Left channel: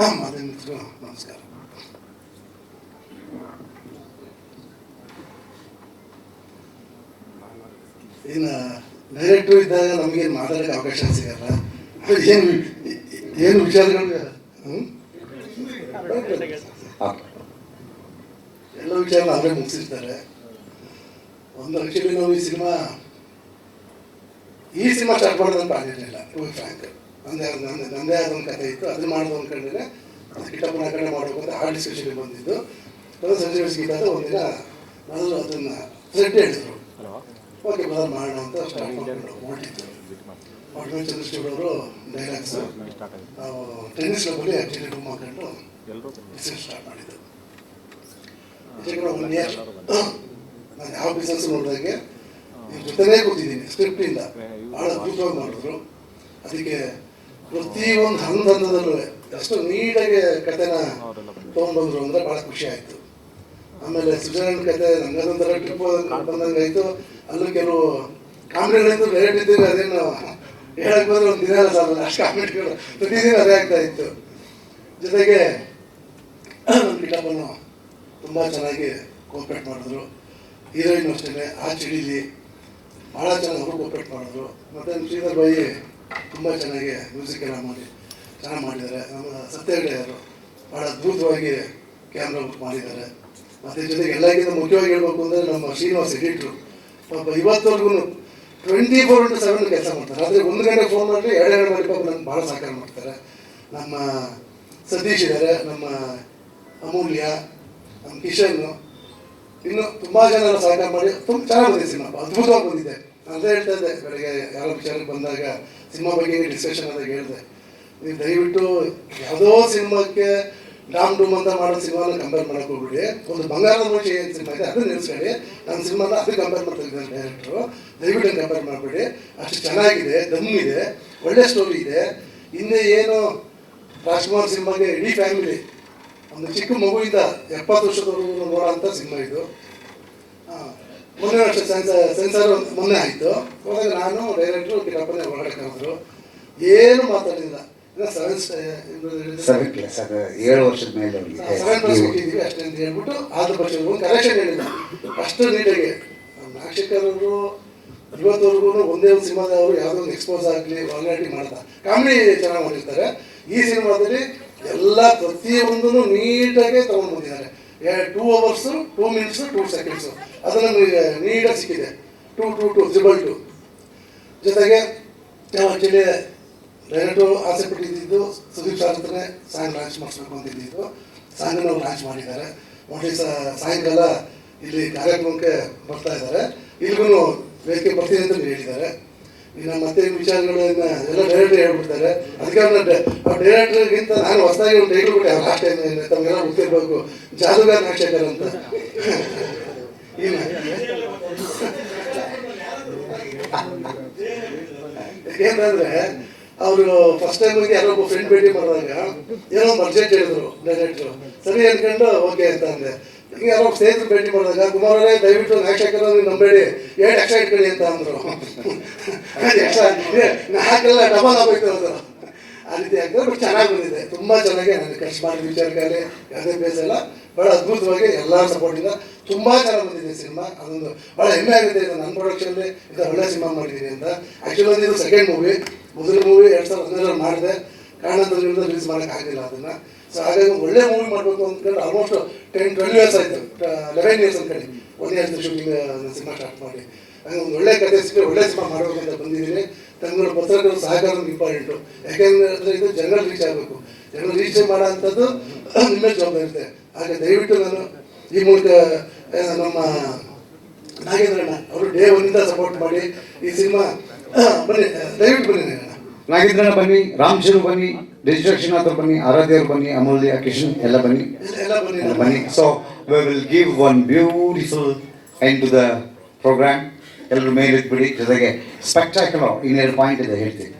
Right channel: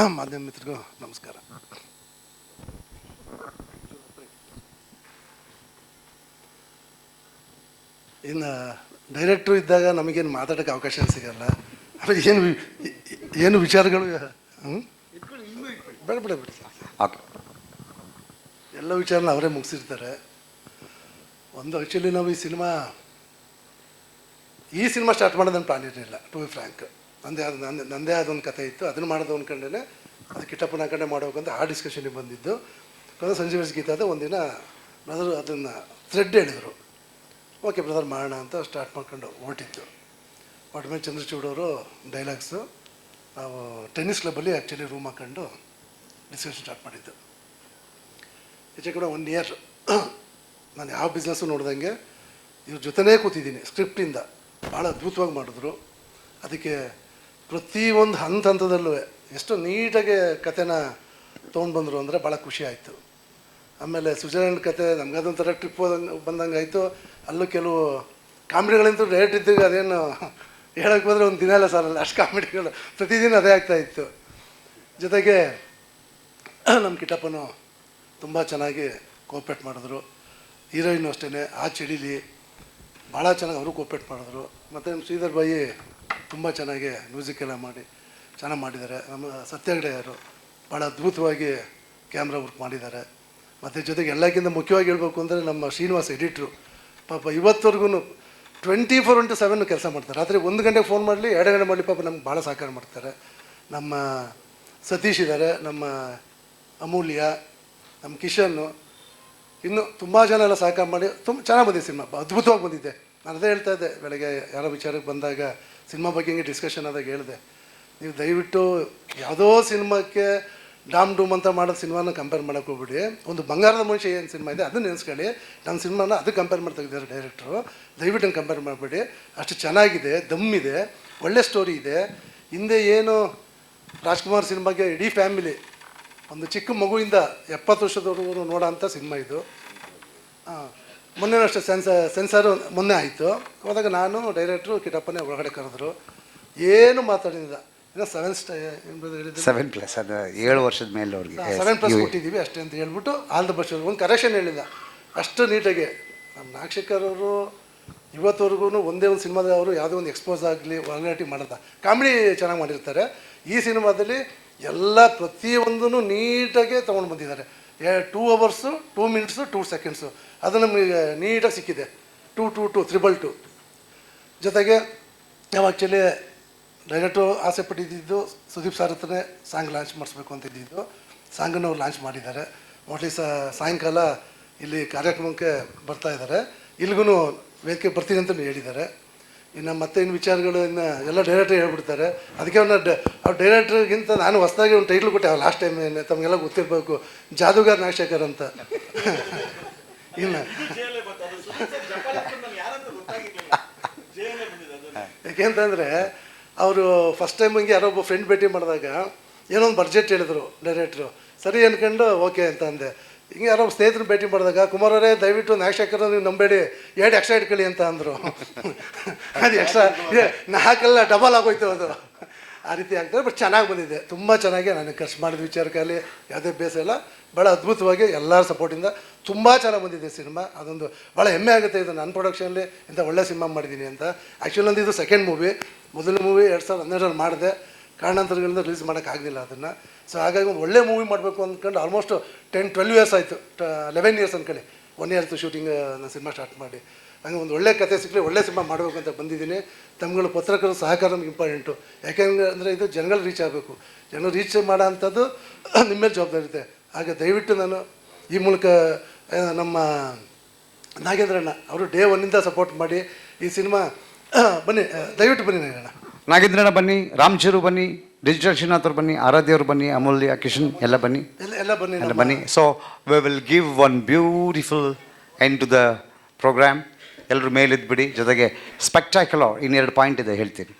ಮಿತ್ರರು ನಮಸ್ಕಾರ ಇದ್ದಾಗ ನಮಗೇನು ಮಾತಾಡಕ್ಕೆ ಅವಕಾಶ ಸಿಗಲ್ಲ. ಆಮೇಲೆ ಏನು ಏನು ವಿಚಾರಗಳು? ಎಲ್ಲ ವಿಚಾರ ಅವರೇ ಮುಗಿಸಿರ್ತಾರೆ. ಒಂದು ಆ್ಯಕ್ಚುಲಿ ನಾವು ಈ ಸಿನಿಮಾ ಈ ಸಿನಿಮಾ ಸ್ಟಾರ್ಟ್ ಮಾಡೋದಂತ ಆಗಿರಲಿಲ್ಲ ಟು ಫ್ರ್ಯಾಂಕ್ ನಂದೇ ಆದ ನಂದೇ ನಂದೇ ಆದ ಒಂದು ಕಥೆ ಇತ್ತು. ಅದನ್ನು ಮಾಡೋದು ಅಂದ್ಕೊಂಡೇ ಅದು ಕಿಟ್ಟಪ್ಪನ ಕಡೆ ಮಾಡಬೇಕು ಅಂತ ಸ್ಟೇಷನ್ಗೆ ಡಿಸ್ಕಷನ್ಗೆ ಬಂದಿದ್ದು. ಅದು ಸಂಜೆ ಗೀತಾದ ಒಂದಿನ ನಾನು ಅದನ್ನು ಥ್ರೆಡ್ ಹೇಳಿದರು. ಓಕೆ ಬ್ರದರ್ ಮಾಡೋಣ ಅಂತ ಸ್ಟಾರ್ಟ್ ಮಾಡ್ಕೊಂಡು ಹೊರಟಿತ್ತು ಪಟ್ಮೇಲೆ ಚಂದ್ರಚೂಡ್ ಅವರು ಡೈಲಾಗ್ಸ್ ನಾವು ಟೆನ್ನಿಸ್ ಕ್ಲಬ್ಬಲ್ಲಿ ಆ್ಯಕ್ಚುಲಿ ರೂಮ್ ಹಾಕೊಂಡು ಬಿಸ್ನೆಸ್ ಸ್ಟಾರ್ಟ್ ಮಾಡಿದ್ದು. ಹೆಚ್ಚು ಕೂಡ ಒನ್ ಇಯರ್ ನಾನು ಯಾವ ಬಿಸ್ನೆಸ್ ನೋಡಿದಂಗೆ ಇವ್ರ ಜೊತೆಲೇ ಕೂತಿದ್ದೀನಿ ಸ್ಕ್ರಿಪ್ಟಿಂದ ಭಾಳ ಅದ್ಭುತವಾಗಿ ಮಾಡಿದ್ರು. ಅದಕ್ಕೆ ಪ್ರತಿಯೊಂದು ಹಂತ ಹಂತದಲ್ಲೂ ಎಷ್ಟು ನೀಟಾಗಿ ಕಥೆನ ತೊಗೊಂಡ್ಬಂದ್ರು ಅಂದರೆ ಭಾಳ ಖುಷಿ ಆಯಿತು. ಆಮೇಲೆ ಸುಜಾನನ್ ಕತೆ ನಮ್ಗದೊಂಥರ ಟ್ರಿಪ್ ಬಂದಂಗೆ ಆಯಿತು. ಅಲ್ಲೂ ಕೆಲವು ಕಾಮಿಡಿಗಳಿತ್ತು ರೇಟ್ ಇದ್ದಾಗ ಅದೇನು ಹೇಳಕ್ಕೆ ಬಂದ್ರೆ ಒಂದು ದಿನ ಸಾಲ ಅಷ್ಟು ಕಾಮಿಡಿಗಳು ಪ್ರತಿದಿನ ಅದೇ ಆಗ್ತಾ ಇತ್ತು. ಜೊತೆಗೆ ನಮ್ಮ ಕಿಟ್ಟಪ್ಪನು ತುಂಬ ಚೆನ್ನಾಗಿ ಕೋಪರೇಟ್ ಮಾಡಿದ್ರು. ಹೀರೋಯಿನ್ ಅಷ್ಟೇ ಆ ಚಳಿಲಿ ಭಾಳ ಚೆನ್ನಾಗಿ ಅವರು ಕೋಪರೇಟ್ ಮಾಡಿದ್ರು. ಮತ್ತು ಶ್ರೀಧರ್ ಬಾಯಿ ತುಂಬ ಚೆನ್ನಾಗಿ ಮ್ಯೂಸಿಕ್ ಎಲ್ಲ ಮಾಡಿ, ಚೆನ್ನಾಗಿ ಮಾಡಿದ್ದಾರೆ. ನಮ್ಮ ಸತ್ಯಾಗ್ರಹರು ಭಾಳ ಅದ್ಭುತವಾಗಿ ಕ್ಯಾಮ್ರಾ ವರ್ಕ್ ಮಾಡಿದ್ದಾರೆ. ಮತ್ತು ಜೊತೆಗೆ ಎಲ್ಲಕ್ಕಿಂತ ಮುಖ್ಯವಾಗಿ ಹೇಳ್ಬೇಕು ಅಂದರೆ ನಮ್ಮ ಶ್ರೀನಿವಾಸ್ ಎಡಿಟ್ರು ಪಾಪ ಇವತ್ತವರೆಗೂ ಟ್ವೆಂಟಿ ಫೋರ್ ಇಂಟು ಸೆವೆನ್ ಕೆಲಸ ಮಾಡ್ತಾರೆ. ಆದರೆ ಒಂದು ಗಂಟೆ ಫೋನ್ ಮಾಡಲಿ, ಎರಡು ಗಂಟೆ ಮಾಡಿ ಪಾಪ ನಮ್ಗೆ ಭಾಳ ಸಹಕಾರ ಮಾಡ್ತಾರೆ. ನಮ್ಮ ಸತೀಶ್ ಇದ್ದಾರೆ ನಮ್ಮ ಅಮೂಲ್ಯ, ನಮ್ಮ ಕಿಶನ್ ಇನ್ನೂ ತುಂಬ ಜನ ಎಲ್ಲ ಸಹಕಾರ ಮಾಡಿ, ತುಂಬ ಚೆನ್ನಾಗಿ ಬಂದಿದೆ ಸಿನಿಮಾ. ಅದ್ಭುತವಾಗಿ ಬಂದಿದೆ. ಅದೇ ಹೇಳ್ತಾ ಇದ್ದೆ ಬೆಳಗ್ಗೆ ಯಾರೋ ವಿಚಾರಕ್ಕೆ ಬಂದಾಗ ಸಿನಿಮಾ ಬಗ್ಗೆ ಡಿಸ್ಕಷನ್ ಆದಾಗ ಹೇಳಿದೆ. ನೀವು ದಯವಿಟ್ಟು ಯಾವುದೋ ಸಿನಿಮಾಕ್ಕೆ ಡಾಮ್ ಡೂಮ್ ಅಂತ ಮಾಡೋ ಸಿನಿಮಾನ ಕಂಪೇರ್ ಮಾಡಕ್ಕೆ ಹೋಗ್ಬಿಡಿ. ಒಂದು ಬಂಗಾರದ ಮನುಷ್ಯ ಏನು ಸಿನಿಮಾ ಇದೆ ಅದನ್ನ ನೆನೆಸ್ಕೊಳ್ಳಿ ನಮ್ಮ ಸಿನಿಮಾನ ಅದು ಕಂಪೇರ್ ಮಾಡ್ತಾ ಇದ್ದಾರೆ ಡೈರೆಕ್ಟ್ರು ದಯವಿಟ್ಟು ಕಂಪೇರ್ ಮಾಡಿಬಿಡಿ. ಅಷ್ಟು ಚೆನ್ನಾಗಿದೆ ದಮ್ ಇದೆ ಒಳ್ಳೆ ಸ್ಟೋರಿ ಇದೆ. ಹಿಂದೆ ಏನು ರಾಜ್ಕುಮಾರ್ ಸಿನಿಮಾಗೆ ಇಡೀ ಫ್ಯಾಮಿಲಿ ಒಂದು ಚಿಕ್ಕ ಮಗುವಿಂದ ಎಪ್ಪತ್ತು ವರ್ಷದವರೆಗೂ ನೋಡೋ ಅಂಥ ಸಿನಿಮಾ ಇದು. ಆ, ಮೊನ್ನೆ ಅಷ್ಟೇ ಸೆನ್ಸರ್ ಸೆನ್ಸರ್ ಮೊನ್ನೆ ಆಯಿತು. ಹೋದಾಗ ನಾನು ಡೈರೆಕ್ಟ್ರು ಕಿಟ್ಟಪ್ಪನೇ ಒಳಗಡೆ ಕರೆದ್ರು. ಏನು ಮಾತಾಡಲಿಲ್ಲ. ಸೆವೆನ್ ಪ್ಲಸ್ ಅದು ಏಳು ವರ್ಷದ ಮೇಲೆ ಸೆವೆನ್ ಪ್ಲಸ್ ಕೊಟ್ಟಿದ್ವಿ ಅಷ್ಟೇ ಅಂತ ಹೇಳ್ಬಿಟ್ಟು ಆಲ್ ಪಕ್ಷ ಒಂದು ಕರೆಕ್ಷನ್ ಹೇಳಿಲ್ಲ ಅಷ್ಟು ನೀಟಾಗಿ. ನಮ್ಮ ಅವರು ಇವತ್ತವರೆಗೂ ಒಂದೇ ಒಂದು ಸಿನಿಮಾದವರು ಯಾವುದೋ ಒಂದು ಎಕ್ಸ್ಪೋಸ್ ಆಗಲಿ ವಾಲ್ನಾಟಿ ಮಾಡಲ್ಲ. ಕಾಮಿಡಿ ಚೆನ್ನಾಗಿ ಮಾಡಿರ್ತಾರೆ. ಈ ಸಿನಿಮಾದಲ್ಲಿ ಎಲ್ಲ ಪ್ರತಿಯೊಂದನ್ನು ನೀಟಾಗಿ ತೊಗೊಂಡು ಬಂದಿದ್ದಾರೆ. Two hours two minutes two seconds ಅದು ನಮಗೆ ನೀಟಾಗಿ ಸಿಕ್ಕಿದೆ. Two two two triple two ಜೊತೆಗೆ ನಾವು ಆ್ಯಕ್ಚುಲಿ ಡೈರೆಕ್ಟು ಆಸೆ ಪಟ್ಟಿದ್ದು ಸುದೀಪ್ ಸರ್ ಹತ್ರನೇ ಸಾಂಗ್ ಲಾಂಚ್ ಮಾಡಿಸ್ಬೇಕು ಅಂತ ಇದ್ದಿದ್ದು. ಸಾಂಗನ್ನು ಲಾಂಚ್ ಮಾಡಿದ್ದಾರೆ. ಒಟ್ಲಿ ಸಾಯಂಕಾಲ ಇಲ್ಲಿ ಕಾರ್ಯಕ್ರಮಕ್ಕೆ ಬರ್ತಾ ಇದ್ದಾರೆ. ಇಲ್ಲಿಗೂ ವೇದಿಕೆ ಬರ್ತೀನಿ ಅಂತ ಹೇಳಿದ್ದಾರೆ. ಇನ್ನು ಮತ್ತೆ ಈ ವಿಚಾರಗಳು ಇನ್ನು ಎಲ್ಲ ಡೈರೆಕ್ಟರ್ ಹೇಳ್ಬಿಡ್ತಾರೆ. ಅದಕ್ಕೆ ಒಂದು ಅವ್ರು ಡೈರೆಕ್ಟರ್ಗಿಂತ ನಾನು ಹೊಸದಾಗಿ ಒಂದು ಟೈಟ್ಲ್ ಕೊಟ್ಟೆ ಲಾಸ್ಟ್ ಟೈಮ್ ತಮಗೆಲ್ಲ ಗೊತ್ತಿರಬೇಕು. ಜಾದೂಗಾರ ನಾಗಶೇಖರ್ ಅಂತ. ಇಲ್ಲ. ಯಾಕೆಂತಂದ್ರೆ ಅವರು ಫಸ್ಟ್ ಟೈಮ್ ಹಿಂಗೆ ಯಾರೋ ಒಬ್ಬ ಫ್ರೆಂಡ್ ಭೇಟಿ ಮಾಡಿದಾಗ ಏನೋ ಒಂದು ಬಡ್ಜೆಟ್ ಹೇಳಿದ್ರು ಡೈರೆಕ್ಟ್ರು ಸರಿ ಅನ್ಕೊಂಡು ಓಕೆ ಅಂತ ಅಂದೆ. ಹಿಂಗೆ ಯಾರೋ ಸ್ನೇಹಿತರು ಭೇಟಿ ಮಾಡಿದಾಗ, ಕುಮಾರ್ ಅವರೇ, ದಯವಿಟ್ಟು ನಾಗಶೇಖರ್ ನೀವು ನಂಬೇಡಿ. ಎರಡು ಎಕ್ಸ್ಟ್ರಾ ಇಟ್ಕೊಳ್ಳಿ ಅಂತ ಅಂದರು. ಅದು ಎಕ್ಸ್ಟ್ರಾ ನಾಲ್ಕಲ್ಲ ಡಬಲ್ ಆಗೋಯ್ತು ಅದು. ಆ ರೀತಿ ಆಗ್ತದೆ ಬಟ್ ಚೆನ್ನಾಗಿ ಬಂದಿದೆ. ತುಂಬ ಚೆನ್ನಾಗಿ ನನಗೆ ಖರ್ಚು ಮಾಡಿದ ವಿಚಾರಕ್ಕಾಗಲಿ, ಯಾವುದೇ ಬೇಸಲ್ಲ ಭಾಳ ಅದ್ಭುತವಾಗಿ ಎಲ್ಲ ಸಪೋರ್ಟಿಂದ ತುಂಬ ಚೆನ್ನಾಗಿ ಬಂದಿದೆ ಸಿನಿಮಾ. ಅದೊಂದು ಭಾಳ ಹೆಮ್ಮೆ ಆಗುತ್ತೆ ಇದು ನನ್ನ ಪ್ರೊಡಕ್ಷನಲ್ಲಿ ಇಂಥ ಒಳ್ಳೆ ಸಿನಿಮಾ ಮಾಡಿದ್ದೀನಿ ಅಂತ. ಆ್ಯಕ್ಚುಲಿ ಇದು ಸೆಕೆಂಡ್ ಮೂವಿ ಮೊದಲ ಮೂವಿ ಎರಡು ಸಾವಿರದ ಹನ್ನೆರಡರಲ್ಲಿ ಮಾಡಿದೆ. ಕಾರಣಾಂತರಗಳಿಂದ ರಿಲೀಸ್ ಮಾಡೋಕ್ಕಾಗಲಿಲ್ಲ. ಅದನ್ನು ಸೊ ಹಾಗಾಗಿ ಒಳ್ಳೆ ಮೂವಿ ಮಾಡಬೇಕು ಅಂದ್ಕೊಂಡು ಆಲ್ಮೋಸ್ಟ್ ಟೆನ್ ಟ್ವೆಲ್ ಇಯರ್ಸ್ ಆಯಿತು. Eleven years ಅಂದ್ಕಡೆ one years shooting cinema start ಮಾಡಿ. ಹಾಗೆ ಒಂದು ಒಳ್ಳೆ ಕಥೆ ಸಿಕ್ಕರೆ ಒಳ್ಳೆ ಸಿನಿಮಾ ಮಾಡಬೇಕು ಅಂತ ಬಂದಿದ್ದೀನಿ. ತಮ್ಮ ಪತ್ರಕರ್ತರ ಸಹಕಾರ ಇಂಪಾರ್ಟೆಂಟು. ಯಾಕೆಂದರೆ ಇದು ಜನರಲ್ ರೀಚ್ ಆಗಬೇಕು. ಜನರಲ್ ರೀಚ್ ಮಾಡೋ ಅಂಥದ್ದು ನಿಮ್ಮ ಜವಾಬ್ದಾರಿ ಇರುತ್ತೆ ಹಾಗೆ ದಯವಿಟ್ಟು ನಾನು ಈ ಮೂಲಕ ನಮ್ಮ ನಾಗೇಂದ್ರಣ್ಣ ಅವರು ಡೇ ಒನ್ನಿಂದ ಸಪೋರ್ಟ್ ಮಾಡಿ ಈ ಸಿನಿಮಾ ಬನ್ನಿ, ದಯವಿಟ್ಟು ಬನ್ನಿ. ನಾಗೇಂದ್ರನ ಬನ್ನಿ ರಾಮಚೂರು ಬನ್ನಿ ಡಿಜಿಟಲ್ ಶ್ರೀನಾಥ್ ಅವ್ರು ಬನ್ನಿ ಆರಾಧ್ಯವ್ರು ಬನ್ನಿ ಅಮೂಲ್ಯ ಕಿಶನ್ ಎಲ್ಲ ಬನ್ನಿ. ಎಲ್ಲ ಎಲ್ಲ ಬನ್ನಿ. ಎಲ್ಲ ಬನ್ನಿ. So we will give one beautiful end to the program ಎಲ್ಲರೂ ಮೇಲಿದ್ಬಿಡಿ. ಜೊತೆಗೆ ಸ್ಪೆಕ್ಟಾಕ್ಯುಲರ್ ಇನ್ನೆರಡು ಪಾಯಿಂಟ್ ಇದೆ ಹೇಳ್ತೀನಿ.